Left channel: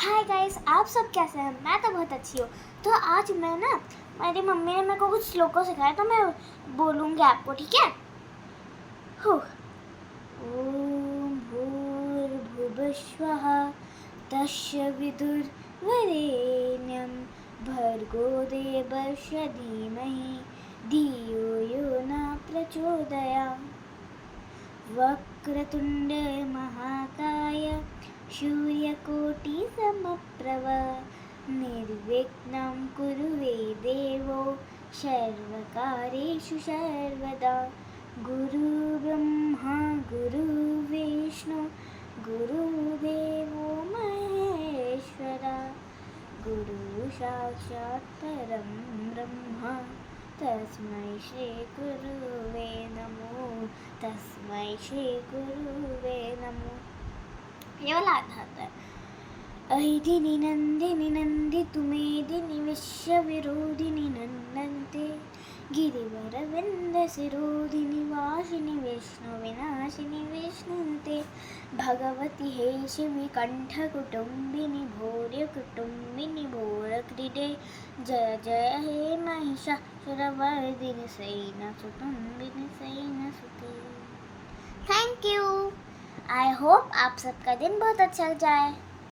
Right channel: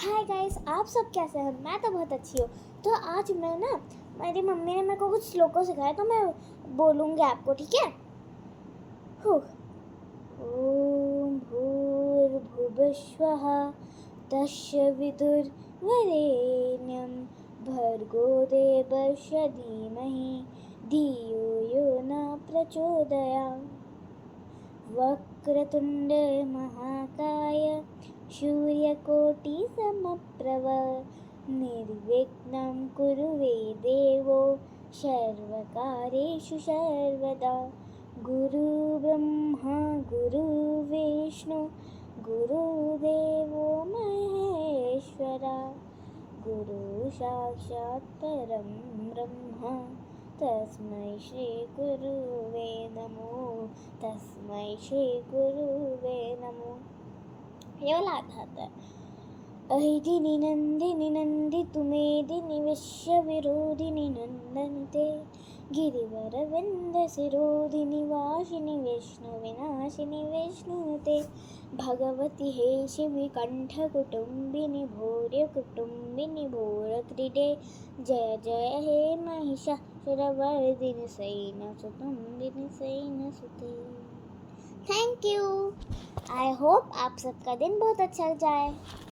Hi guys, आप सब कैसे हैं? मैं तो बहुत अच्छी हूँ। तो आज मैं ना मेरी मम्मी ने मेरे को कुछ श्लोकों सिखाया, तो मैं बोलूँगी आपको, ठीक है? हुँ। ॐ भूर्भुवस्वः तस्य विदुर्वरेण्यं भर्गो देवस्य धीमहि धियो यो न प्रचोदयात्। वक्रतुण्ड महाकाय सूर्यकोटिसमप्रभ निर्विघ्नं कुरु मे देवो सर्वकार्येषु सर्वदा। गुरुब्रह्मा गुरुविष्णु गुरुदेवो महेश्वरा गुरु साक्षात् परं ब्रह्म तस्मै श्री गुरुवे नमो तस्मै श्री गुरुवे नमो। ये वाला आता है। अहिदिनि नन्दिनि नन्दितु मेदिनि विश्वविरोधिनि नन्दन्ते गिरिवरविन्दसिरोधिनि वासिनि विष्णुविनाशिनि विष्णुते भगवति हे शिवि कण्ठकुटुम्बिनि भौर्यकुटुम्बिनि भोरक्रीडे जय जय हे महिषासुरवर्धिनि सैन्यसुतुम्बिनि सैन्यसुते। Thank you. आई होप आप सबका दिन बहुत अच्छा जाए।